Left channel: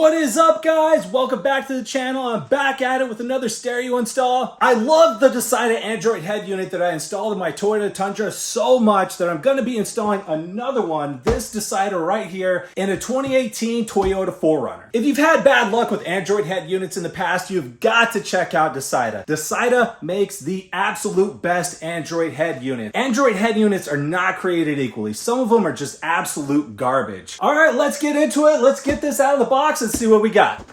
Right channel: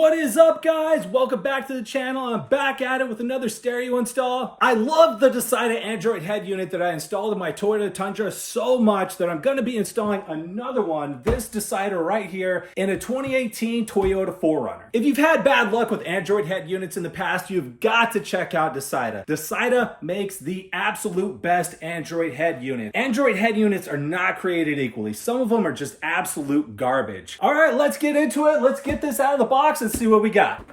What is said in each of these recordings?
What is up, guys? Welcome back to the channel. I'm back at it with another stereo install. I love the Dasaita Android head unit that I installed in my Toyota Tundra so much that I'm going to be installing another one, this Dasaita right here, in a 2018 Toyota 4RUNNER. If you've had bad luck with Android head units in the past, you've got to check out Dasaita. Dasaita makes the absolute best Android head unit. Android head units are not created equally. Some of them are just absolute garbage. All right, let's get into it. Let's get this out of the box and see what we got.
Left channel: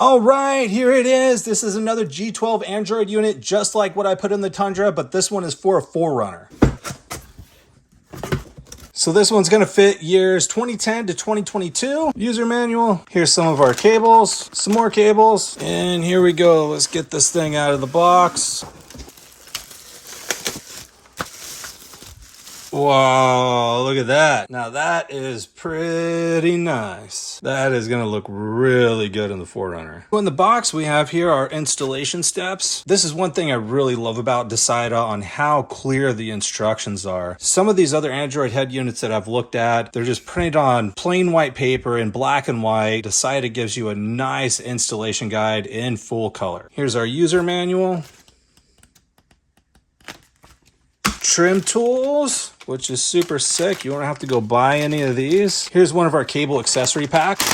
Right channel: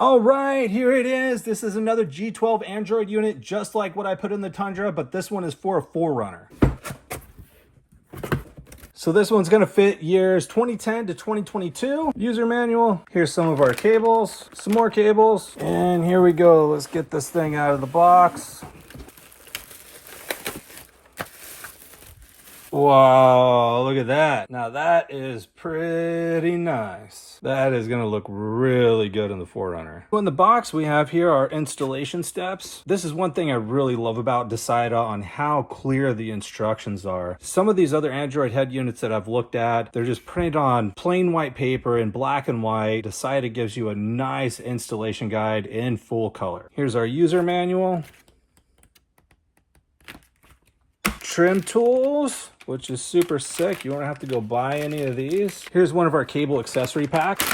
All right, here it is. This is another G12 Android unit, just like what I put in the Tundra, but this one is for a 4RUNNER. So this one's gonna fit years 2010 to 2022. User manual. Here's some of our cables, some more cables, and here we go. Let's get this thing out of the box. Wow, look at that. Now that is pretty nice. That is gonna look really good in the 4RUNNER. In the box, we have here our installation steps. This is one thing I really love about Dasaita on how clear the instructions are. Some of these other Android head units that I've looked at, they're just printed on plain white paper in black and white. Dasaita gives you a nice installation guide in full color. Here's our user manual. Trim tools, which is super sick. You won't have to go buy any of these. Here's one of our cable accessory packs.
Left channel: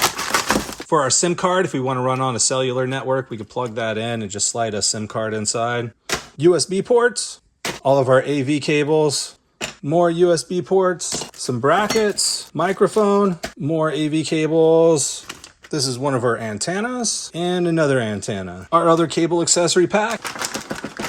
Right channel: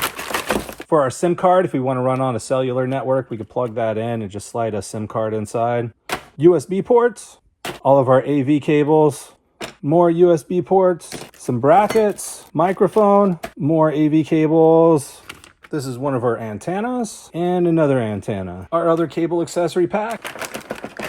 For our SIM card, if we want to run on a cellular network, we could plug that in and just slide a SIM card inside. USB ports, all of our AV cables, more USB ports, some brackets, microphone, more AV cables. This is one of our antennas and another antenna. Our other cable accessory pack.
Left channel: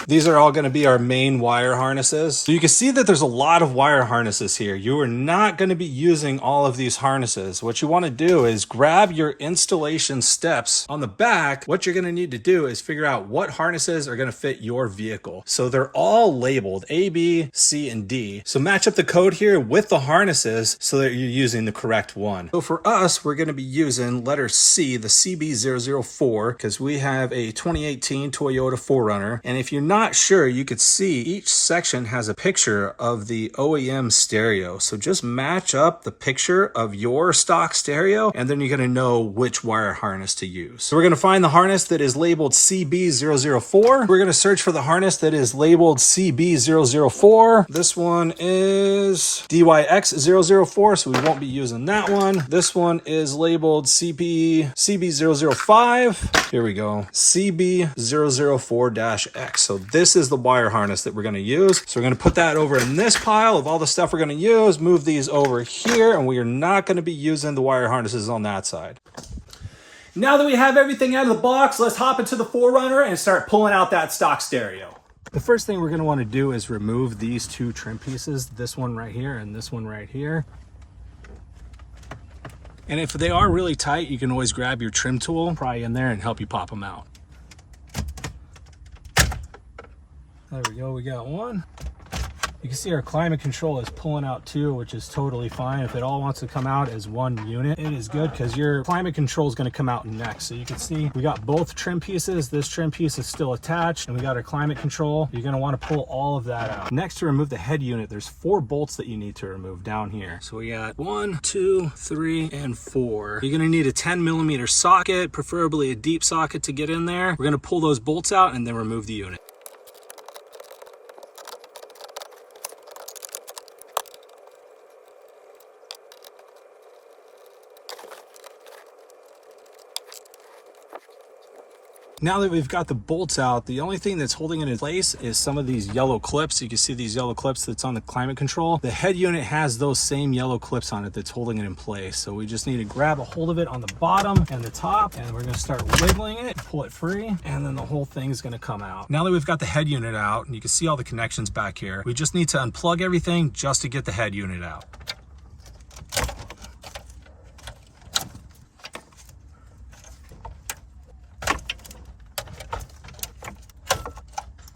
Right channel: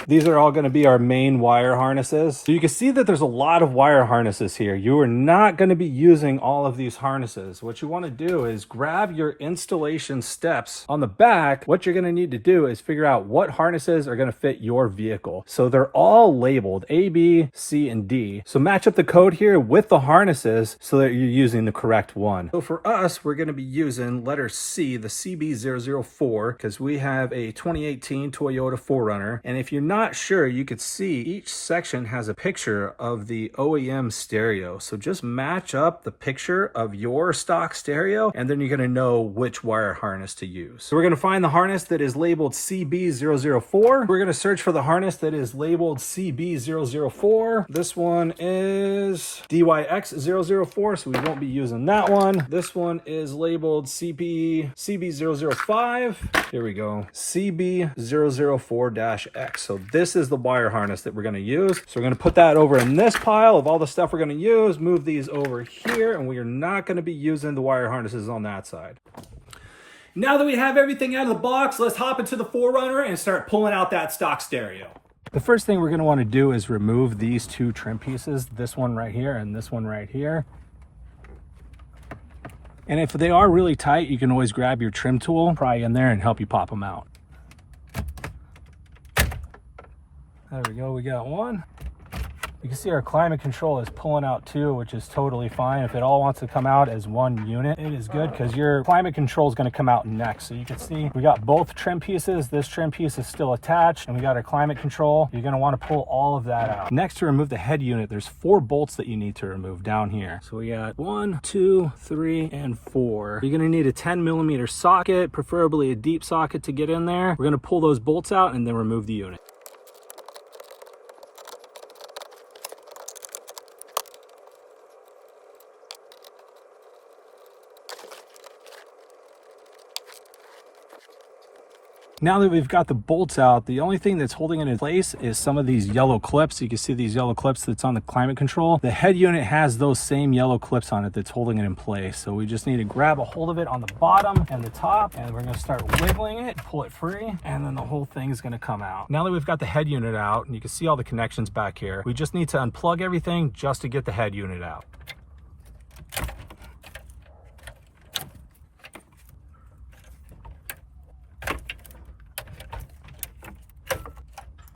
These are all going to be our main wire harnesses. So you can see that there's a lot of wire harnesses here. You are not going to be using all of these harnesses. What you want to do is grab your installation steps on the back. What you're going to need to do is figure out what harnesses are going to fit your vehicle. So they're all labeled A, B, C, and D. So match up the code here with the harnesses so that you're using the correct one. So for us, we're going to be using letter C, the CB004, because we have a 2018 Toyota 4RUNNER. And if you're not sure, you could see each section has a picture of the OEM stereo. So just match up the picture of your stock stereo, and then you're going to know which wire harness to use. So we're going to find the harness that is labeled CB004. We're going to search for the harness that is labeled CB004. This one is DYX004, so we won't be using that one. This one is labeled CB005. Here we go, CB004-X. So this is the wire harness that we're going to use. So we're going to put that over in this pile of all the stuff we're going to use, move these over here, and we are not going to be using the wire harnesses on that side. Now that we have everything out of the box, let's hop into the 4RUNNER and start pulling out that stock stereo. The first thing we're going to want to do is remove these two trim pieces, this one right here and this one right here. And if they are really tight, you can always grab your trim tool, pry in there and help you pop them out. There we go, we got one. You can see our climate control is pulling out too, which is totally fine. If it all wants to come out as one unit, it is good because your climate control is going to come out next. So you can see we got both trim pieces. This trim piece is still attached, and we got our climate control. You're going to want to pull all of that out. Next, to remove the head unit, there's 4 bolts that you need to remove down here. So we got 1, 2, 3, and 4. You're going to need a 10mm socket, preferably a deep socket to get in there. We're going to pull those bolts out and then remove the unit. Now that we've got the bolts out, the only thing that's holding it in place is some of these yellow clips. You can see these yellow clips that's on the climate control. The head unit has those same yellow clips on it that's holding it in place. So we just need to grab a hold of it on the bottom and the top, and we're going to start wiggling it, pull it free, and then the whole thing is going to come out. Now that we've got the head unit out, and you can see all the connections back here, we just need to unplug everything just to get the head unit out.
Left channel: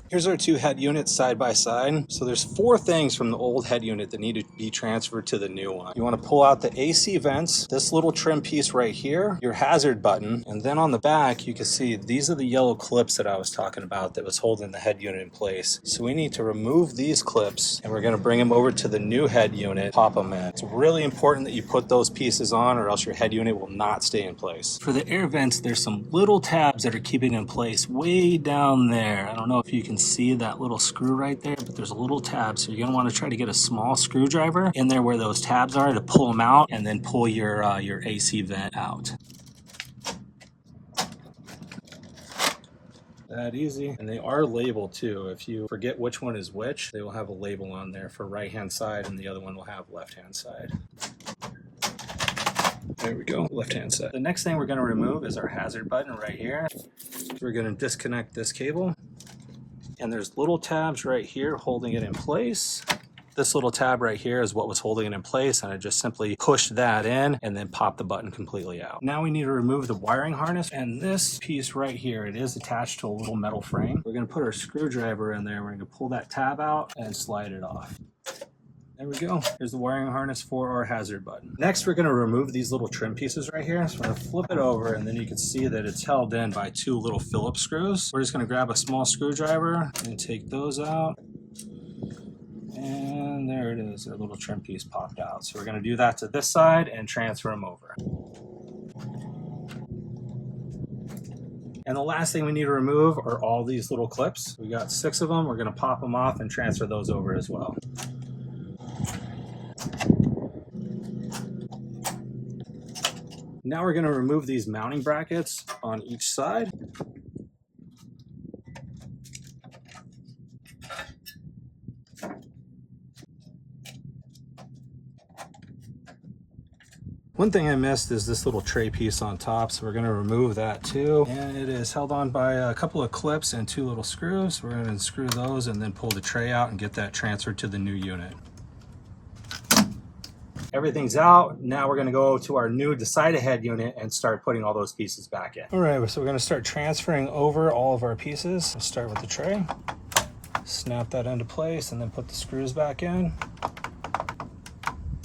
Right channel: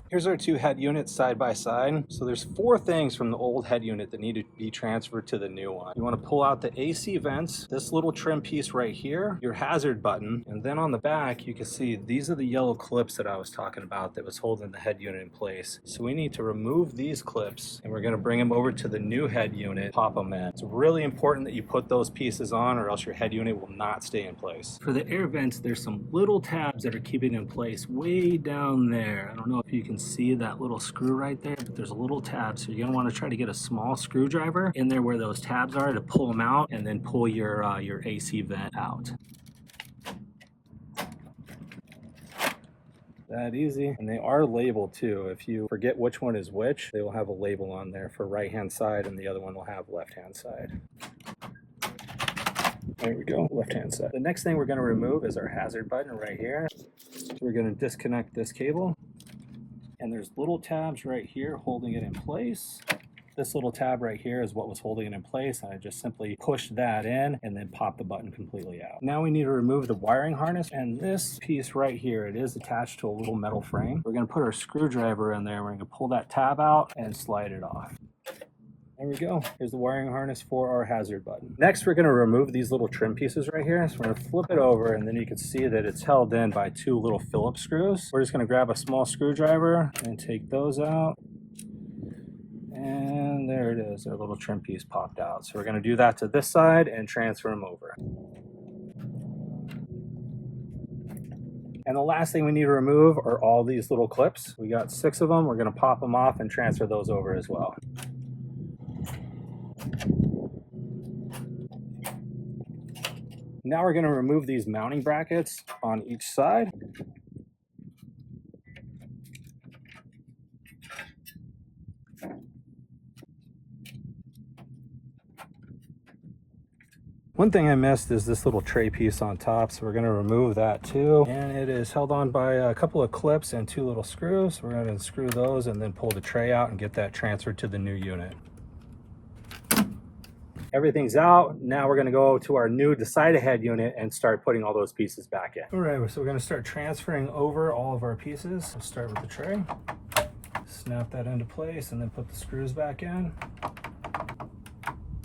Here's our two head units side by side. So there's 4 things from the old head unit that need to be transferred to the new one. You want to pull out the AC vents, this little trim piece right here, your hazard button, and then on the back you can see these are the yellow clips that I was talking about that was holding the head unit in place. So we need to remove these clips and we're going to bring them over to the new head unit, pop them in. It's really important that you put those pieces on or else your head unit will not stay in place. For the air vents, there's some little tabs that are keeping it in place way down there. I don't know if you can see that little screw right there, but there's a little tab, so you're going to want to try to get a small screwdriver in there where those tabs are to pull them out and then pull your AC vent out. That easy. And they are labeled too. If you forget which one is which, they will have a label on there for right hand side and the other one will have left hand side. There we go, left hand side. The next thing we're going to remove is our hazard button right here. We're going to disconnect this cable. And there's little tabs right here holding it in place. This little tab right here is what was holding it in place, and I just simply pushed that in and then popped the button completely out. Now we need to remove the wiring harness, and this piece right here, it is attached to a little metal frame. We're going to put our screwdriver in there. We're going to pull that tab out and slide it off. There we go. There's the wiring harness for our hazard button. Next, we're going to remove these little trim pieces right here. So we're going to flip it over, and then you can see that it's held in by 2 little Phillips screws. We're just going to grab a small screwdriver and take those out. And there it is. Our little trim piece popped out. So we're going to do that to this side and transfer them over. And the last thing we need to remove are all these little clips. We got 6 of them. We're going to pop them off and transfer those over as well. Now we're going to remove these mounting brackets on each side. One thing I missed is this little tray piece on top, so we're going to remove that too. And it is held on by a couple of clips and 2 little screws. We're going to unscrew those and then pull the tray out and get that transferred to the new unit. Everything's out. Now we're going to go to our new Dasaita head unit and start putting all those pieces back in. All right, so we're going to start transferring over all of our pieces. We'll start with the tray. Snap that into place and then put the screws back in.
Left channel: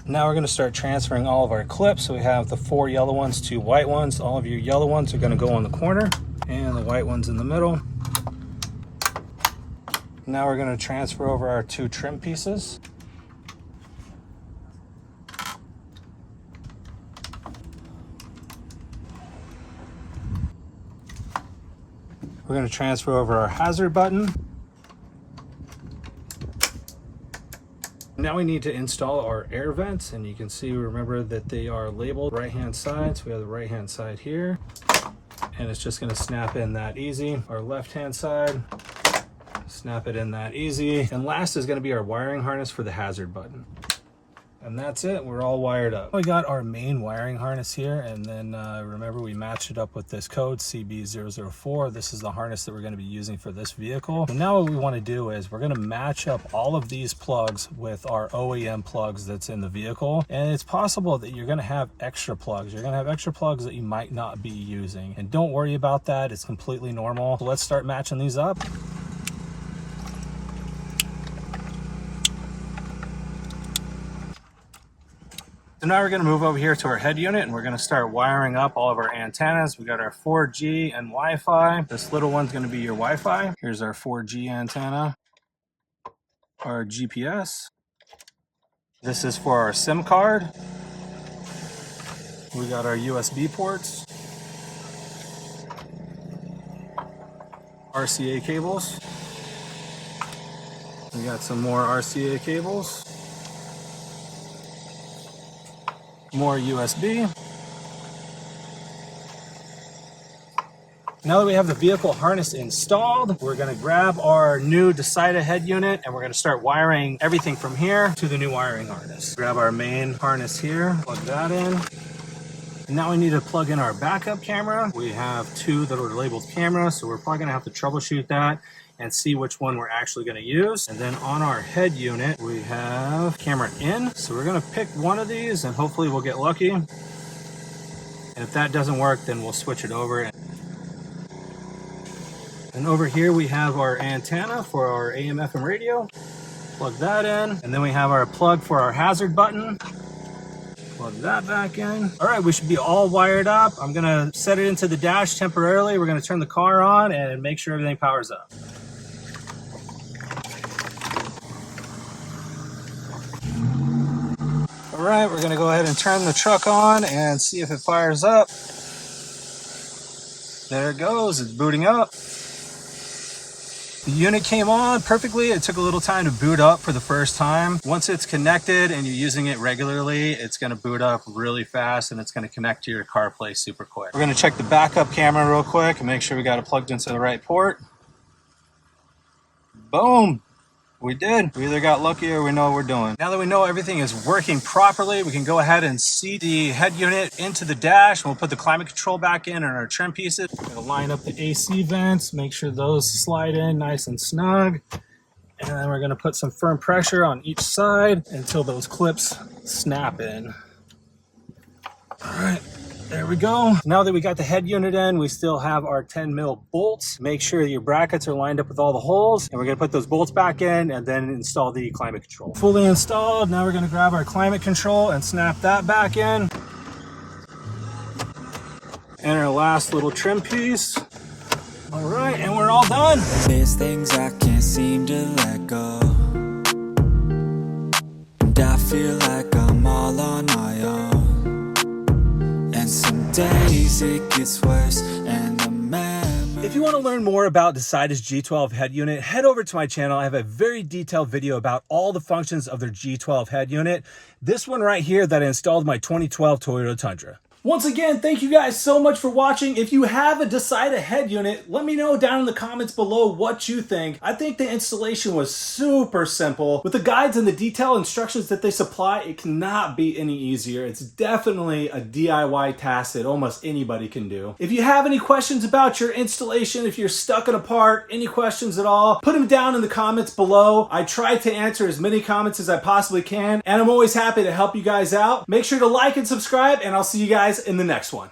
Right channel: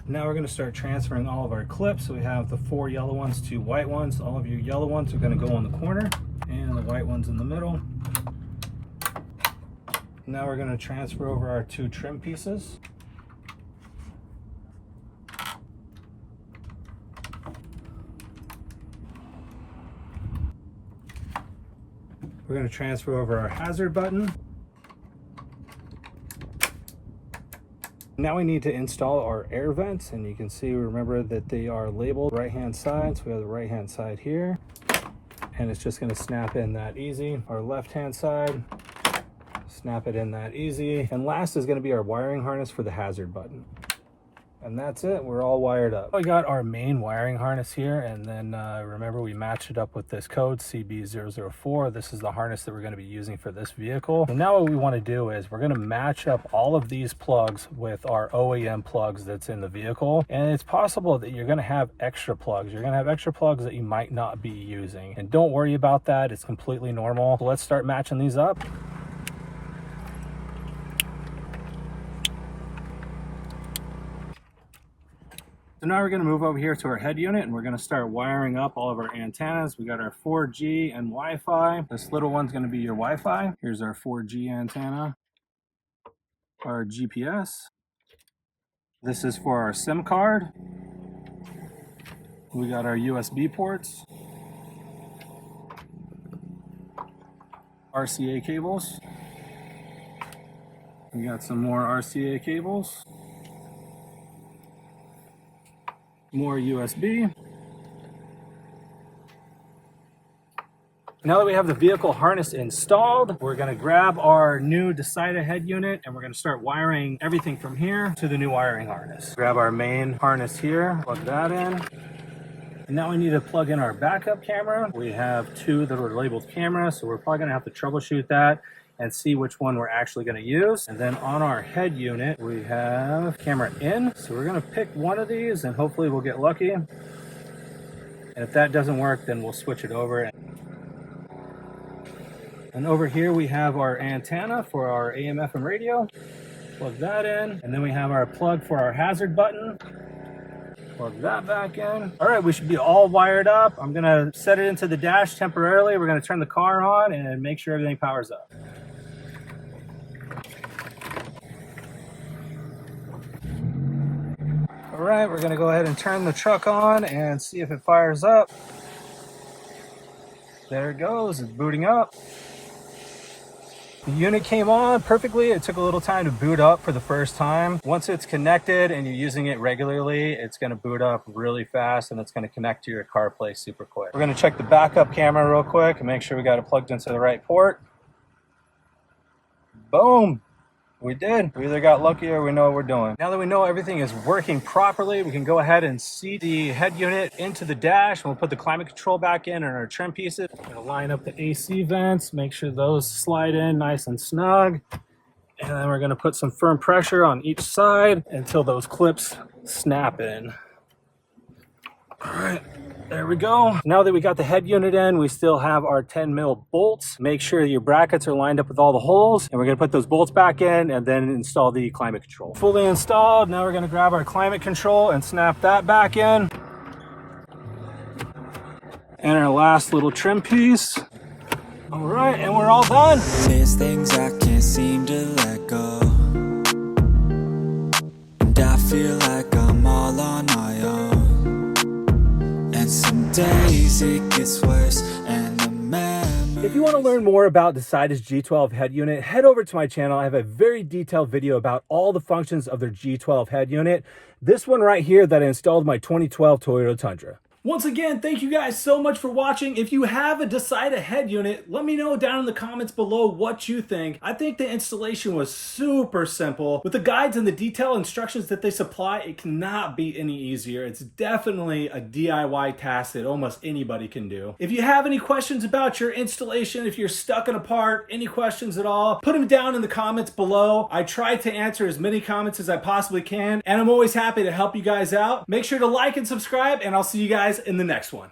Now we're going to start transferring all of our clips. So we have the 4 yellow ones, 2 white ones. All of your yellow ones are going to go in the corner and the white ones in the middle. Now we're going to transfer over our 2 trim pieces. We're going to transfer over our hazard button. Now we need to install our air vents, and you can see, remember that they are labeled right hand side. So we have the right hand side here, and it's just going to snap in that easy. Our left hand side, snap it in that easy. And last is going to be our wiring harness for the hazard button. And that's it, we're all wired up. We got our main wiring harness here, and then remember we matched it up with this code CB004. This is the harness that we're going to be using for this vehicle. And now what we want to do is we're going to match up all of these plugs with our OEM plugs that's in the vehicle. And it's possible that you're going to have extra plugs. You're going to have extra plugs that you might not be using. And don't worry about that, it's completely normal. So let's start matching these up. So now we're going to move over here to our head unit and we're going to start wiring up all of our antennas. We got our 4G and Wi-Fi. This little one's going to be your Wi-Fi. Here's our 4G antenna, our GPS. This is for our SIM card. We got our USB ports, RCA cables. We got some more RCA cables. More USB. Now that we have the vehicle harness installed, we're going to grab our new Dasaita head unit and we're going to start wiring everything from here to the new wiring harness. Grab our main harness here, plug that in. And now we need to plug in our backup camera. We have 2 that are labeled camera, so we're probably going to have to troubleshoot that and see which one we're actually going to use. And then on our head unit, we have camera in. So we're going to pick one of these and hopefully we'll get lucky. And if that doesn't work, then we'll switch it over. And over here we have our antenna for our AM FM radio. Plug that in. And then we have our plug for our hazard button. Plug that back in. All right, we should be all wired up. I'm gonna set it into the dash temporarily. We're gonna turn the car on and make sure everything powers up. All right, we're gonna go ahead and turn the truck on and see if it fires up. There it goes, it's booting up. The unit came on perfectly. It took a little time to boot up for the first time. Once it's connected and you're using it regularly, it's gonna boot up really fast and it's gonna connect to your CarPlay super quick. We're gonna check the backup camera real quick and make sure we got it plugged into the right port. Boom. We did. We either got lucky or we know what we're doing. Now that we know everything is working properly, we can go ahead and seat the head unit into the dash. We'll put the climate control back in and our trim pieces. We're gonna line up the AC vents, make sure those slide in nice and snug. And then we're gonna put some firm pressure on each side until those clips snap in. All right. There we go. Now that we got the head unit in, we still have our 10 mil bolts. Make sure your brackets are lined up with all the holes. And we're gonna put those bolts back in and then install the climate control. Fully installed. Now we're gonna grab our climate control and snap that back in. And our last little trim piece. All right, and we're all done. There's things I can't seem to let go. And I feel like I'm all on my own. And some days it gets worse and the memories. If you want to learn more about Dasaita's G12 head unit, head over to my channel. I have a very detailed video about all the functions of their G12 head unit. This one right here that I installed my 2012 Toyota Tundra. Once again, thank you guys so much for watching. If you have a Dasaita head unit, let me know down in the comments below what you think. I think the installation was super simple. With the guides and the detailed instructions that they supply, it cannot be any easier. It's definitely a DIY task that almost anybody can do. If you have any questions about your installation, if you're stuck in a part, any questions at all, put them down in the comments below. I try to answer as many comments as I possibly can, and I'm always happy to help you guys out. Make sure to like and subscribe, and I'll see you guys in the next one.